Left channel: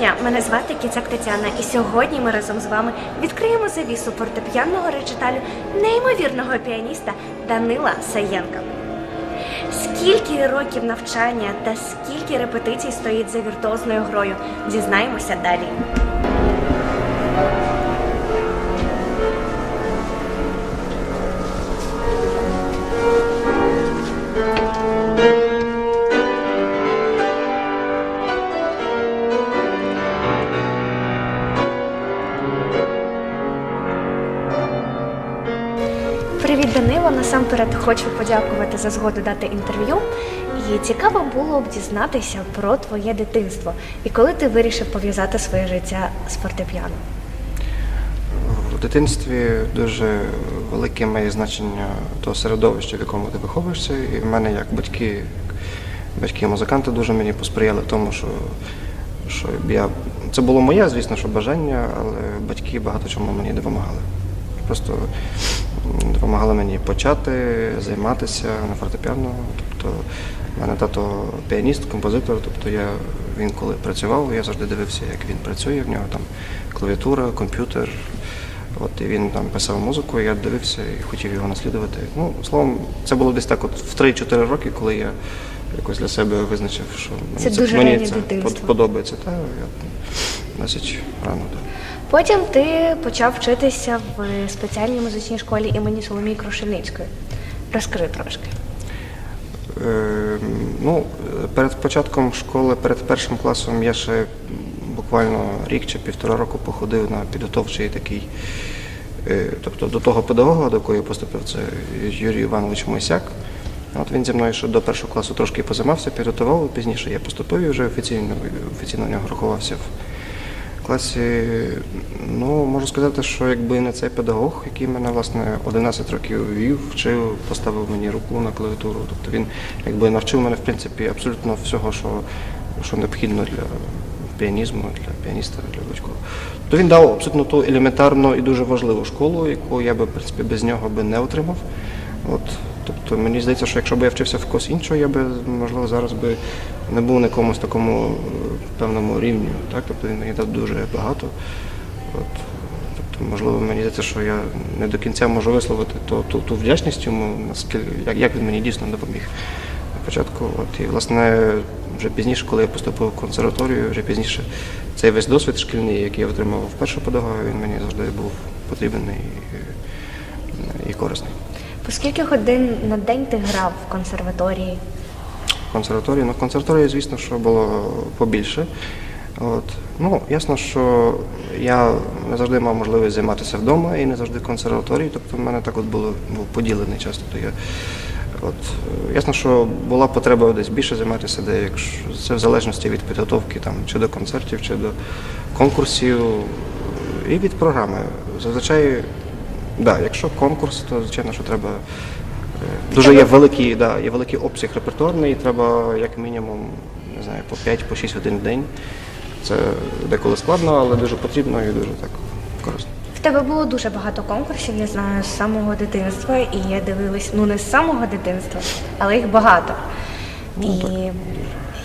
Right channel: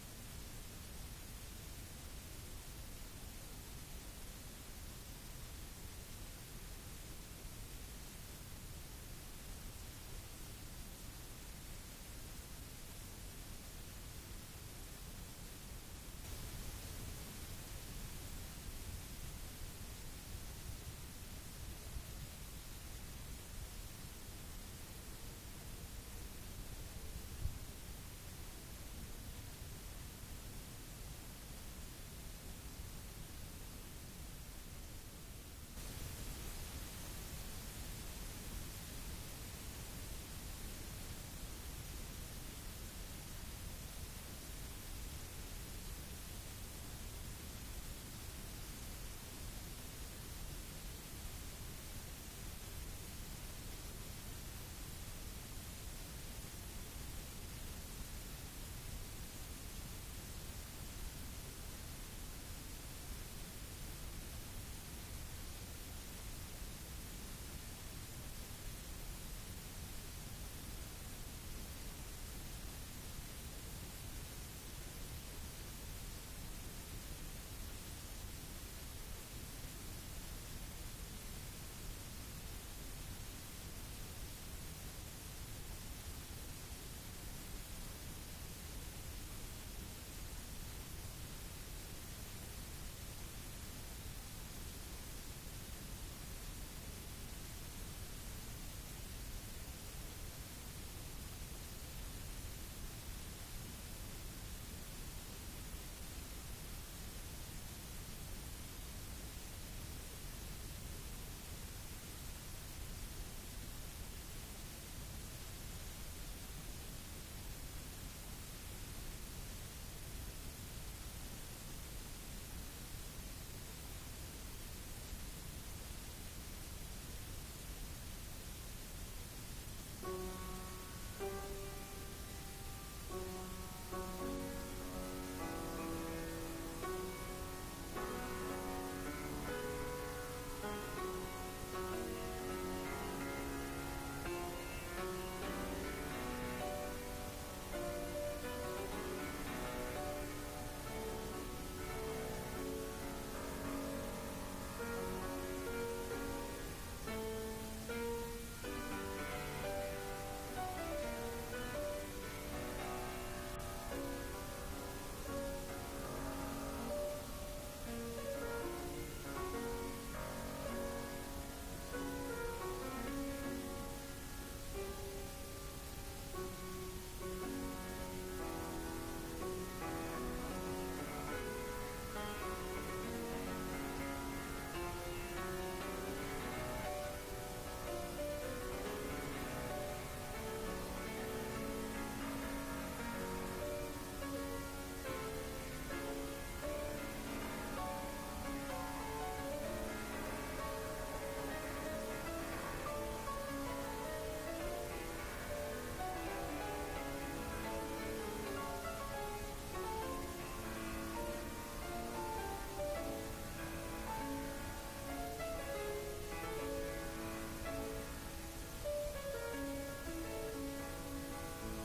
дня, мене звати Кіцак Тетяна, і сьогодні ми разом з вами відкриємо завісу фортепіанного речиталю неймовірного піаніста Данила Саєнка. Скільки років навчання та скільки репетицій стоїть за віртуозною грою, дізнаємося далі. Привіт, Данило! Насамперед хочу подякувати за згоду дати інтерв'ю. І цікаво було б дізнатися про твоє дитинство. І коли ти вирішив пов'язати своє життя з фортепіано? В дитинстві дуже велике має значення того середовища, в якому ти виховуєшся. І в мене як батьки-музиканти дуже мені посприяли в тому, що це було моє, звісно, що бажання, але батьки багато чому мені допомагали. Просто допомагали мені почати займатися на фортепіано. Тобто в мене тато піаніст, композитор, тобто він коли працював, я завжди дивився, як він працює, в нього там клавіатура, комп'ютер. І він там писав музику, я дивився і хотів його наслідувати. Ну, словом, це було десь так в 3-4 роки, коли я якось для себе визначив, що мені це подобається. Та, я досить рано. Так. Потім ти почав вчитися в спеціальній музичній школі імені Соломії Крушельницької. Розкажи трошки. Перед початком школи, перед першим класом я ще буквально рік чи 1,5 року походив на підготовчий такий, тобто до того педагога, до якого я поступив, це Юрій Іванович Мойсяк. Він зі мною ще до першого класу трошки позаймався, підготував, пізніше я поступив і вже офіційно в нього рахувався в класі. Можу сказати, що якби не цей педагог, який мене, власне, 11 років вів, вчив, поставив мені руку на клавіатуру, тобто він якби навчив мене, в принципі, абсолютно всього, що необхідно для піанізму, для піаніста, для будь-кого. То він дав абсолютно ту елементарну і дуже важливу школу, яку я би, в принципі, без нього би не отримав. Тобто мені здається, що якщо б я вчився в когось іншого, я би, можливо, зараз би не був на якомусь такому певному рівні. Так? Тобто він мені дав дуже багато. Тобто, можливо, мені здається, що я не до кінця можу висловити ту вдячність йому, як він мені дійсно допоміг на початку. І, власне, вже пізніше, коли я поступив в консерваторію, вже пізніше цей весь досвід шкільний, який я отримав в першого педагога, він мені завжди був потрібен і корисний. По скільки годин на день ти грав в консерваторії? В консерваторії, звісно, що було побільше. Ясно, що я не завжди мав можливість займатися вдома і не завжди в консерваторії, тобто в мене так був поділений час. Ясно, що була потреба десь більше займатися, це в залежності від підготовки чи до концертів, чи до конкурсів і від програми. Зазвичай, якщо конкурс, то, звичайно, що треба, дуже є великий обсяг репертуарний, і треба як мінімум, не знаю, по 5-6 годин в день. Це деколи складно, але дуже потрібно і дуже так корисно. В тебе було дуже багато конкурсів, я знаю, з самого дитинства, і я дивилась, не з самого дитинства, але їх багато. І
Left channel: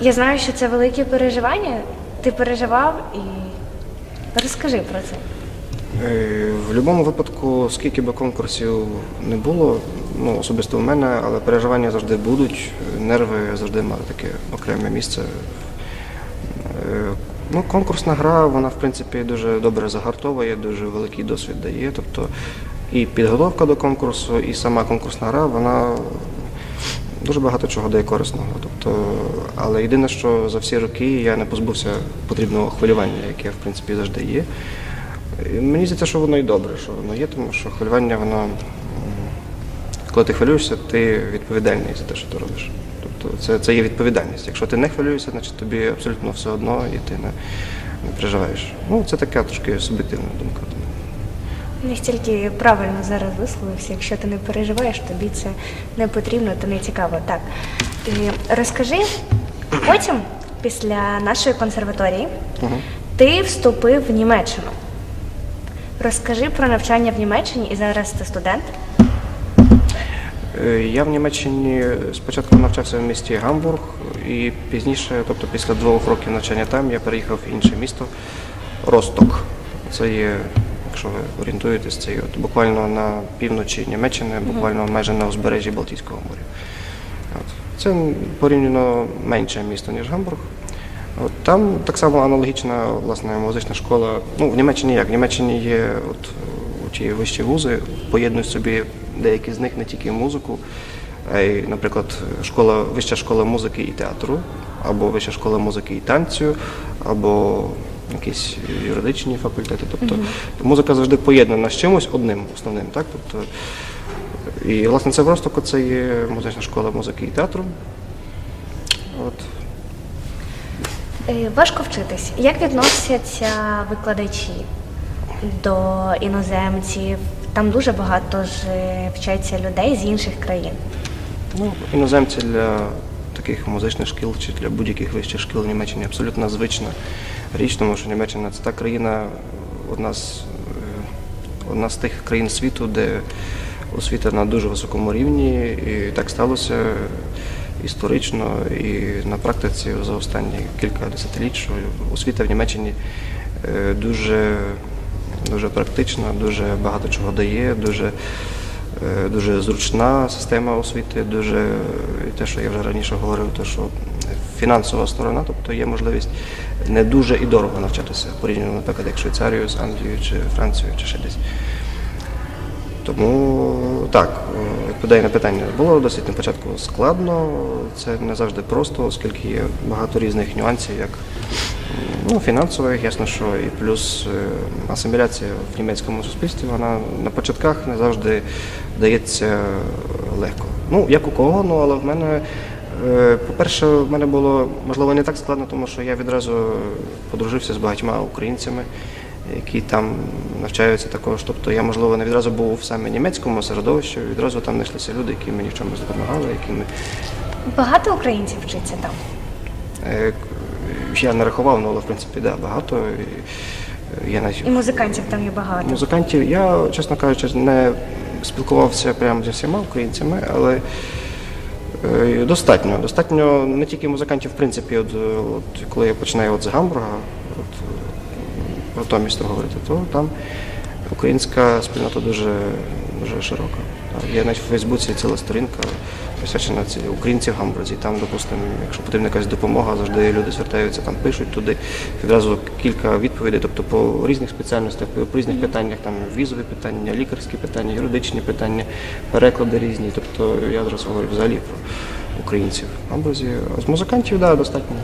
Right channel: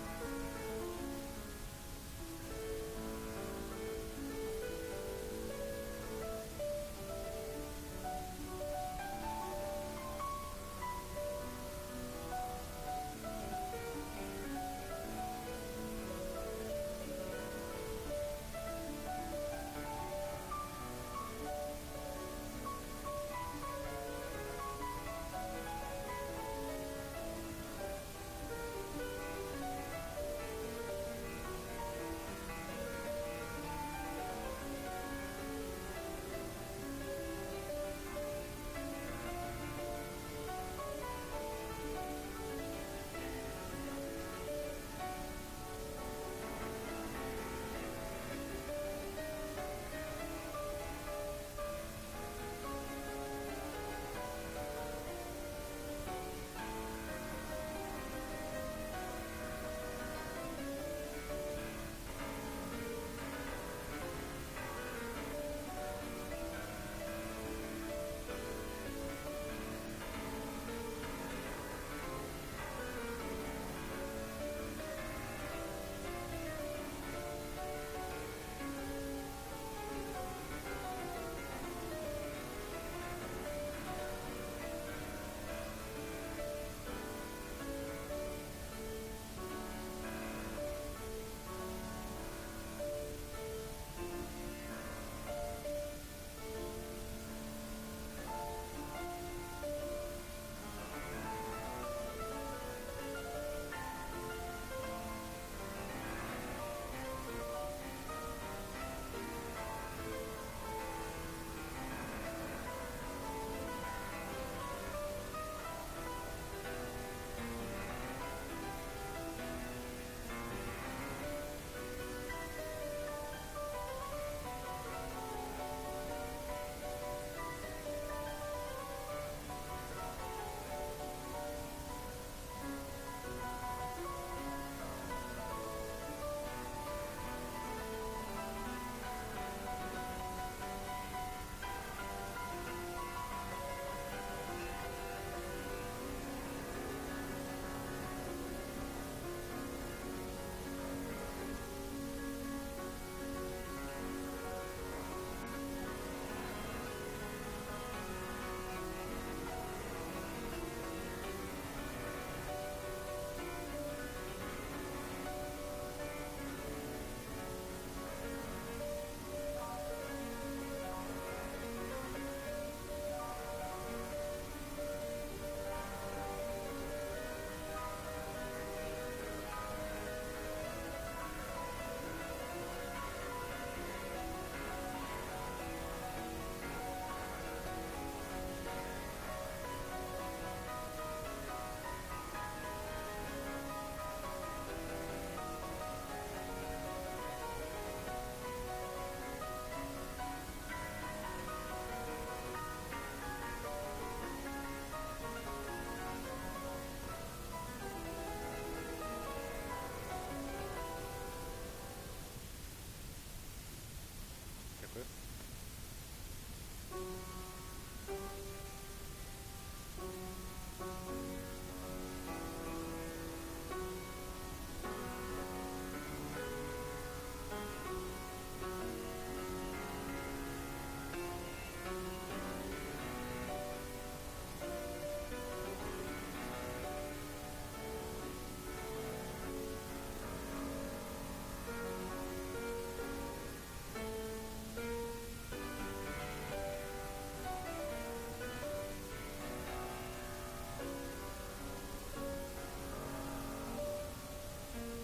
я знаю, що це велике переживання. Ти переживав і розкажи про це. В будь-якому випадку, скільки б конкурсів не було, особисто в мене, але переживання завжди будуть, нерви завжди мали таке окреме місце. Конкурсна гра, вона, в принципі, дуже добре загартовує, дуже великий досвід дає. Тобто і підготовка до конкурсу, і сама конкурсна гра, вона дуже багато чого дає корисного. Але єдине, що за всі роки я не позбувся потрібного хвилювання, яке, в принципі, завжди є. І мені здається, що воно і добре, що воно є, тому що хвилювання, коли ти хвилюєшся, ти відповідальний за те, що ти робиш. Тобто це є відповідальність. Якщо ти не хвилюєшся, значить тобі абсолютно все одно і ти не переживаєш. Це така трошки суб'єктивна думка. Настільки правильно зараз висловився, якщо ти не переживаєш, тобі це не потрібно, то не цікаво. Так, розкажи, потім, після нашої консерваторії, ти вступив в Німеччину. Розкажи про навчання в Німеччині, і зараз ти студент. Я в Німеччині спочатку навчався в місті Гамбург і пізніше, тобто після 2 років навчання там, я переїхав в інше місто Росток. Це є, якщо ви орієнтуєтесь, це є от буквально на півночі Німеччини, буквально майже на узбережжі Балтійського моря. От. Це порівняно менше місто, ніж Гамбург. От, там так само аналогічна власне, музична школа. Ну, в Німеччині як? В Німеччині є от, ті вищі вузи, поєднують собі деякі з них не тільки музику, а й, наприклад, вища школа музики і театру, або вища школа музики і танцю, або якісь юридичні факультети. Тобто музика завжди поєднана з чимось одним основним. Так? Тобто, і, власне, це в Ростоку це є музична школа музики і театру. От. Важко вчитись. Як відносяться викладачі до іноземців? Там дуже багато ж вчаться людей з інших країн. Ну, іноземці для таких музичних шкіл чи для будь-яких вищих шкіл в Німеччині абсолютно звична річ, тому що Німеччина – це та країна, одна з тих країн світу, де освіта на дуже високому рівні, і так сталося історично і на практиці за останні кілька десятиліть, що освіта в Німеччині дуже практична, дуже багато чого дає, дуже зручна система освіти, дуже те, що я вже раніше говорив, те, що фінансова сторона, тобто є можливість не дуже і дорого навчатися, порівняно, наприклад, як Швейцарію з Англією чи Францією чи ще десь. Тому так, відповідаю на питання, було досить на початку складно, це не завжди просто, оскільки є багато різних нюансів, як фінансових, ясно, що і плюс асиміляція в німецькому суспільстві, вона на початках не завжди дається легко. Ну, як у кого, але в мене, по-перше, в мене було, можливо, не так складно, тому що я відразу подружився з багатьма українцями, які там навчаються також. Тобто я, можливо, не відразу був в саме німецькому середовищі, відразу там знайшлися люди, які мені в чомусь допомагали, Багато українців вчиться там? Я не рахував, але, в принципі, да, багато. І музикантів там є багато? Музикантів, я, чесно кажучи, не спілкувався прямо зі всіма українцями, але достатньо. Достатньо не тільки музикантів, в принципі, коли я починаю з Гамбурга, про то місто говорити, то там українська спільнота дуже широка. Є навіть в Фейсбуці ціла сторінка, присвячена українці в Гамбурзі. Там, допустимо, якщо потрібна якась допомога, завжди люди звертаються, там пишуть туди. Відразу кілька відповідей, тобто по різних спеціальностях, по різних питаннях, там візові питання, лікарські питання, юридичні питання, переклади різні. Тобто я зараз говорю взагалі про українців в Гамбурзі. А з музикантів, да, достатньо,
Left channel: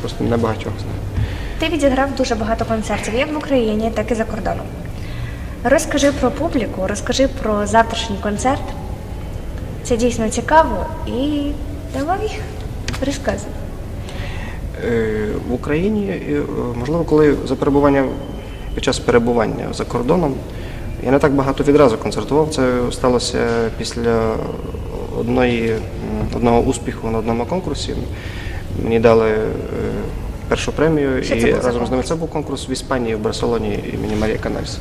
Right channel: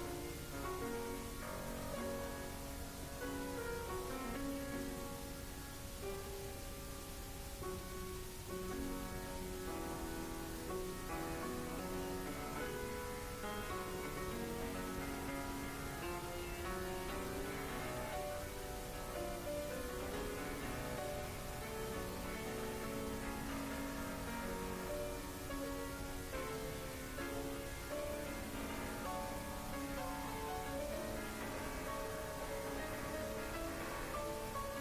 просто небагатьох знаю. Ти відіграв дуже багато концертів, як в Україні, так і за кордоном. Розкажи про публіку, розкажи про завтрашній концерт. Це дійсно цікаво і давай розказуй. В Україні, можливо, коли під час перебування за кордоном, я не так багато відразу концертував. Це сталося після одного успіху на одному конкурсі. Мені дали першу премію, і разом з ними це був конкурс в Іспанії, в Барселоні імені Марії Канальс.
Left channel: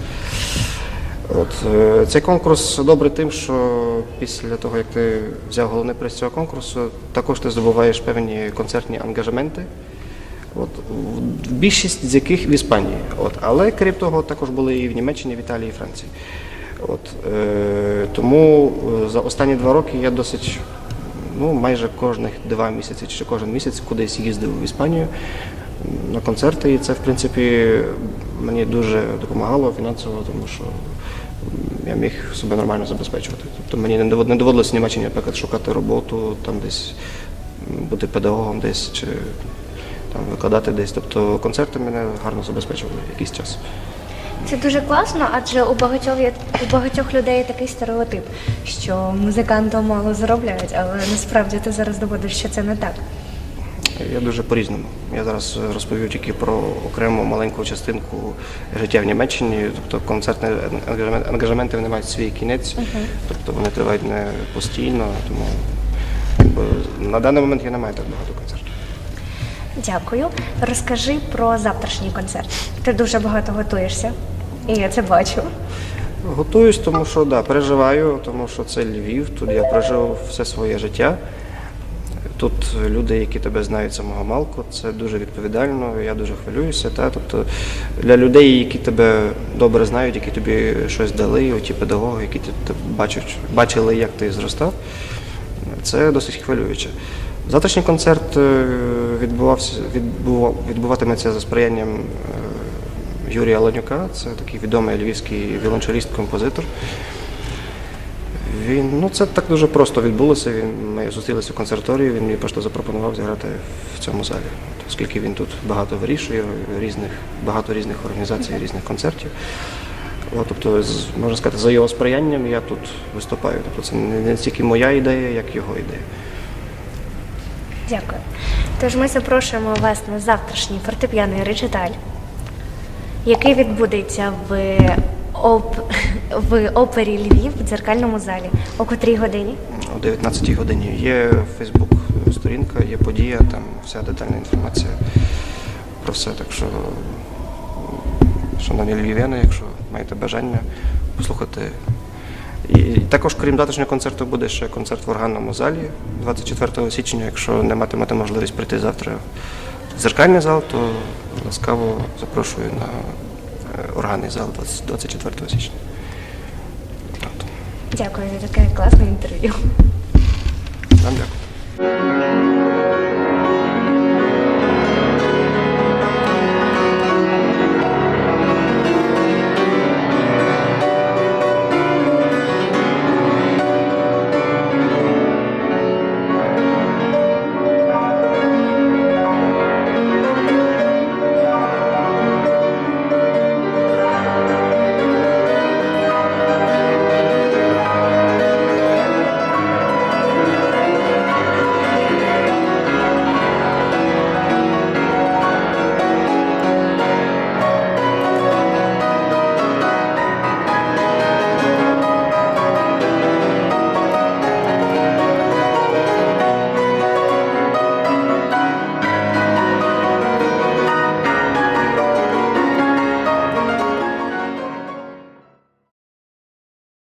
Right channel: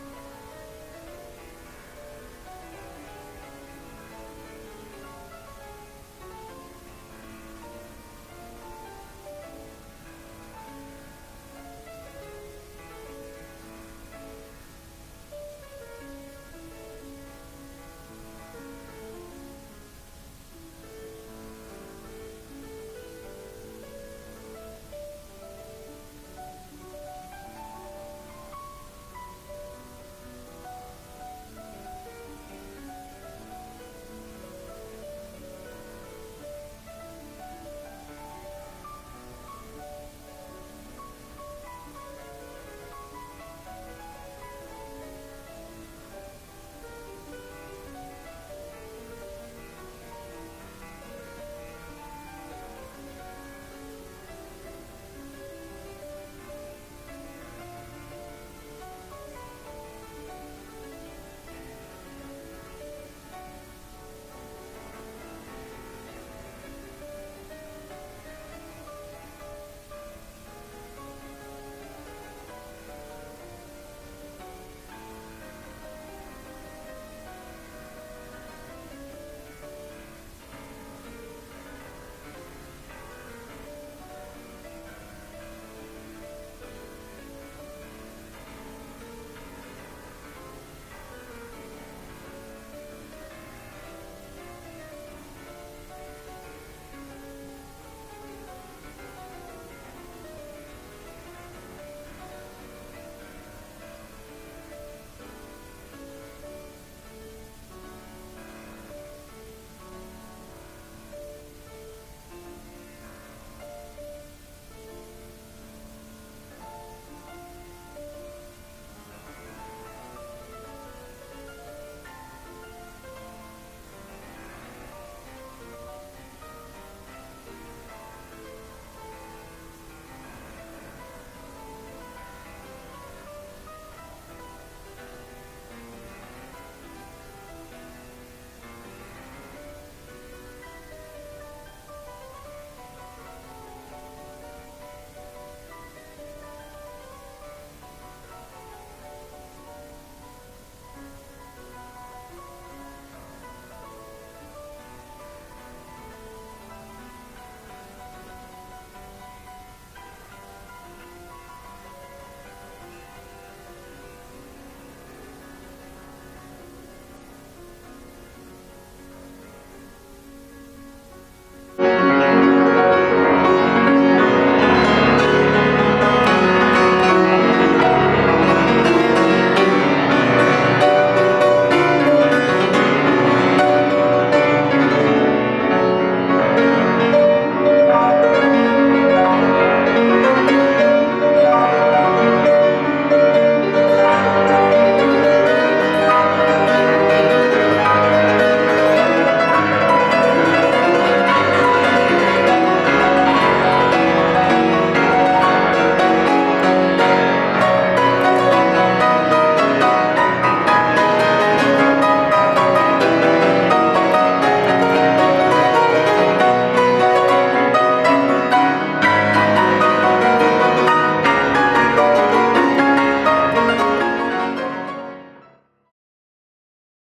Цей конкурс добрий тим, що після того, як ти взяв головний приз цього конкурсу, також ти здобуваєш певні концертні ангажементи, більшість з яких в Іспанії. Але, крім того, також були і в Німеччині, в Італії, і Франції. Тому за останні 2 роки я досить, майже кожних 2 місяці чи кожен місяць кудись їздив в Іспанію на концерти, і це, в принципі, мені дуже допомагало фінансово, тому що я міг себе нормально забезпечувати. Тобто мені не доводилося в Німеччині, наприклад, шукати роботу, там десь бути педагогом десь, чи там викладати десь. Тобто концерти мене гарно забезпечували якийсь час. Це дуже класно, адже у багатьох людей є такий стереотип, що музиканти мало заробляють, але насправді ти зараз доводиш, що це не так. Я дуже по-різному. Я зараз розповів тільки про окрему маленьку частинку життя в Німеччині. Тобто концертні ангажементи вони мають свій кінець, тобто вони тривають не постійно, тому на даний момент я не маю так багато концертів. Дякую. Розкажи про завтрашній концерт. Ти дуже багато готуєшся, і я це бачу. Готуюсь, тому що переживаю, тому що це Львів, тут я прожив все своє життя. тут люди, які тебе знають з самого малку, це дуже відповідально, я дуже хвилююся. Тобто для людей, які тебе добре знають, які тобі щось дали, ті педагоги, які бачили, як ти зростав, це досить хвилююче. Завтрашній концерт відбуватиметься за сприянням Юрія Ланюка, це такий відомий львівський віолончеліст-композитор. Це так дуже просто відбулося. Ми зустрілися в консерваторії, він мені просто запропонував зіграти в цьому залі, оскільки він тут багато вирішує, багато різних організацій, різних концертів. Тобто, можна сказати, за його сприянням я тут виступаю. Тобто це не стільки моя ідея, як його ідея. Дякую. Тож ми запрошуємо вас на завтрашній фортепіаний речиталь, який відбудеться в опері Львів в дзеркальному залі. О котрій годині? О 19-й годині. Є Фейсбук-сторінка, є подія, там вся детальна інформація про все. Так що, шановні львів'яни, якщо маєте бажання послухати. І також, крім завтрашнього концерту, буде ще концерт в органному залі 24 січня. Якщо не матимете можливість прийти завтра в дзеркальний зал, то ласкаво запрошую на органний зал 24 січня. Дякую за таке класне інтерв'ю. Вам дякую.